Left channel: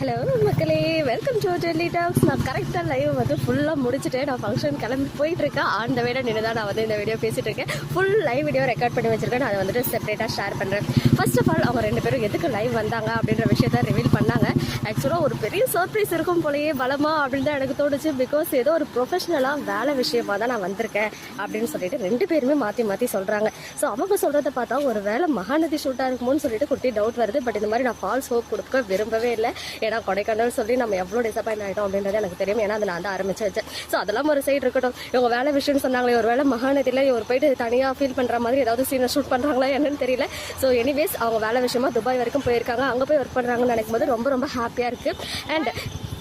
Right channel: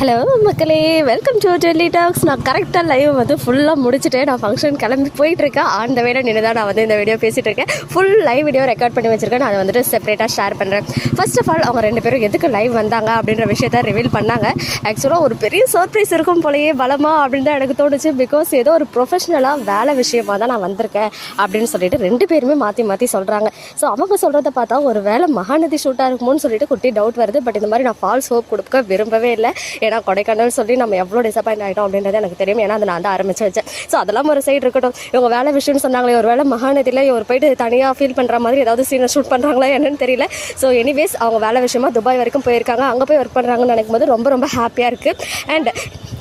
Hello மக்களே, welcome to Delhi tax. நான் கரெக்டாக லைவ் வந்து ஃபுல்லாக முடிச்சுட்டு நான் ஃபங்க்ஷன் கிளம்பி போயிட்டுருக்கேன். அந்த வேலை நின்று தான் நான் வந்து இந்த வீடியோ பேசிகிட்டு இருக்கேன். ஃபுல் லைவ் வீடியோ ரெக்கார்ட் பண்ணி வச்சுருக்கேன். நான் அதை வந்துட்டு செப்பரேட்டாக ஷேர் பண்ணுறேன். ஃபர்ஸ்ட் ஆஃப் ஆல் அவங்க ரெண்டு பேரும் எதுக்கு லைவ் வந்தாங்க அப்படின்ற விஷயத்த ரிவீல் பண்ணாங்க. ஆக்சுவலாக ஒரு பெரிய சர்ப்ரைஸ் இருக்கும் போலயே பலமா அப்படின்னு தான் எனக்கு தோணுச்சு. பிகாஸ் ஏதோ ஒரு ப்ரொஃபஷனலாக வேலை விஷயமாக தான் நான் வந்திருக்கேன் அப்படின்னு சொல்லிட்டு ரெண்டு பேருமே மாற்றி மாற்றி சொல்கிறாங்க. ஸோ அவங்க சொல்கிறத பார்த்தா ஒரு வேலை மகாநதி ஷூட்டாக இருக்குமோன்னு சொல்லிட்டு குட்டி டவுட் வருது. பட் இந்த மாதிரி நான் ஃபால்ஸ் ஹோப் கொடுக்க விரும்பவே இல்லை. ஏன்னா கொடைக்கானல் சொல்லி நம்ம எவ்வளோ டிசப்பாயிண்ட் ஆகிட்டோம் அப்படின்றது எனக்கு தெரியும். ஏன்னா அதை நான் தான் ஆரம்பிச்சு வச்சேன். ஸோ அதெல்லாம் ஒரு சைடு இருக்கட்டும். இவங்க வேலை விஷயம்னு சொன்னாங்களே, ஒரு வேலை மகாநதியில் இவர் போயிட்டு தனியாக ஃபீல் பண்ணுற மாதிரி ஏதாவது சீனை ஷூட் பண்ணுறாங்களா என்னன்னு தெரியல. ஸோ எனிவேஸ் அவங்க வேலை விஷயமா துபாய் வரைக்கும் போயிருக்காங்க. அங்கே போய் ஒர்க் பண்ணுறாங்கன்னு நினைக்கும் போது ரொம்ப ரொம்ப ஹாப்பியாக இருக்குது. அண்ட்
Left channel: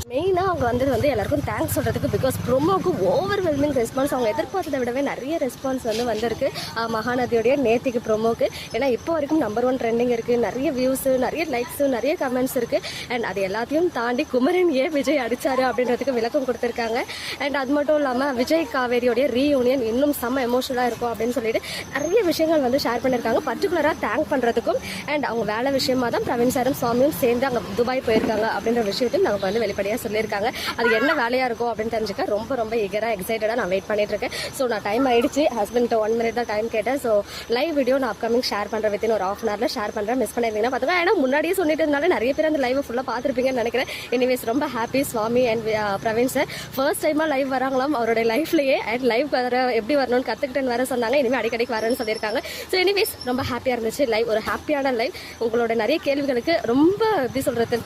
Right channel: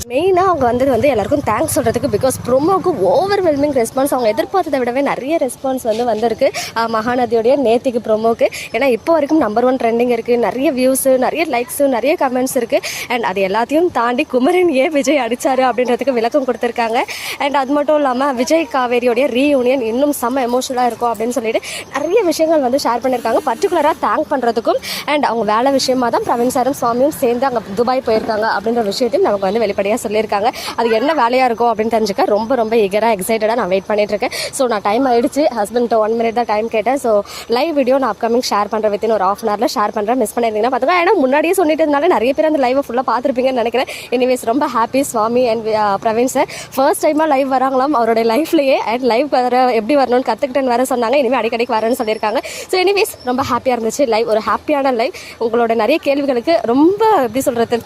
மெயினாக அவங்க வந்து எல்லாருக்கும் தேங்க்ஸ் சொல்கிறதுக்கு. பிகாஸ் ப்ரொமோக்கு ஓவர்வெல்மிங் ரெஸ்பான்ஸ், அவங்க எதிர்பார்த்ததை விடவே நிறைய ரெஸ்பான்ஸ் வந்திருக்கு மகாநதியோடைய நேத்திக்கு ப்ரொமோக்கு. ஏன்னா இப்போ வரைக்கும் நம்பர் 1 ட்ரெண்டிங் இருக்குது. நிறைய வியூஸு, நிறைய லைக்ஸு, நிறைய கமெண்ட்ஸ் இருக்குது. அண்ட் அது எல்லாத்தையும் தாண்டி குமரன் விஜய் அடித்தார் அப்படின்றதுக்கு விளக்கம் கொடுத்துருக்காங்க. அண்ட் அது மட்டும் இல்லாமல் விஜய் காவேரியோடைய ரீயூனியன் இன்னும் செம்ம எமோஷனலாக இருக்கும் அப்படின்னு சொல்லிட்டு நிறைய விஷயங்கள் வந்து ஷேர் பண்ணியிருக்காங்க. பர்டிகுலராக தேங்க் பண்ணுறதுக்கும். அண்ட் அவங்க வேலை விஷயமா தான் பிரவீன் சாரும் சுவாமியும் சேர்ந்து அங்கே துபாய் போயிருக்காங்க அப்படின்ற விஷயத்தையும் நமக்கு வந்து வெளிப்படையாக சொல்லியிருக்காங்க. அது என்ன வேலையாக இருக்கும் அப்படின்னு தெரிஞ்சுக்க ரொம்ப ரொம்ப ஈகராக எக்ஸைட்டடாக நான் வெயிட் பண்ணிட்டு இருக்கேன். ஸோ நான் டைம் ஆயிடுச்சு. ஹஸ்பண்ட் 1 minute தான் டைம் கேட்டேன். ஸோ லைவ் வீடியோ நான் அப்கமிங் ஷேர் பண்ணுறேன். வித்தின் ஒரு ½ hourல ஷேர் பண்ணுறேன். மிஸ் பண்ணியிருந்தீங்கன்னா பார்த்துங்க. ஏன்னா முன்னாடியே சொல்லிட்டு இருந்தாலும் நிறைய பேர் அந்த லைவை ஃபுல்லாக பார்த்துருப்பீங்கன்னு நினைக்கிறேன். எனிவேஸ் ரொம்ப happy. Swami and Praveen sir first டைமாக லைவ் வராங்களாம் அவருடைய லைஃப்லேயே. அண்ட் லைவ் வர எப்படி வரணும்னு கற்றுக்கிட்டேன்னு வேறு சொன்னாங்க. இனிமேல் அடிக்கடிக்கு வரேன்னு சொல்லியிருக்காங்க. ஸோ எனிவேஸ் ரொம்ப ஹாப்பியாக இருந்துச்சு லைவ். ஒரு ஹாப்பியான லைவ். உங்களோட நிறைய கேள்விகளுக்கு ரொம்ப எப்படி சொல்கிறது,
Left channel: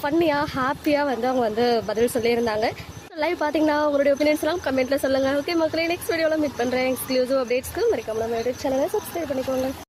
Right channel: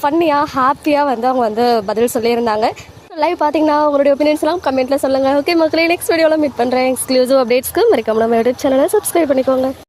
ஃபன்னியாக ஹாப்பியாக வந்து அவங்க வந்து பதில் சொல்லியிருந்தாங்க. லைவ் பார்த்தீங்கன்னா உங்களுடைய ஒப்பீனியன்ஸ்லாம் கமெண்ட்டில் சொல்லுங்கள். ஓகே மக்களே, நெக்ஸ்ட் வீடியோவில் மீட் பண்ணுறேன். எக்ஸ்க்ளூசிவ் அப்டேட்ஸ்க்கு மறக்காம நம்ம யூடியூப் சேனலை சப்ஸ்கிரைப் பண்ணிக்கோங்க.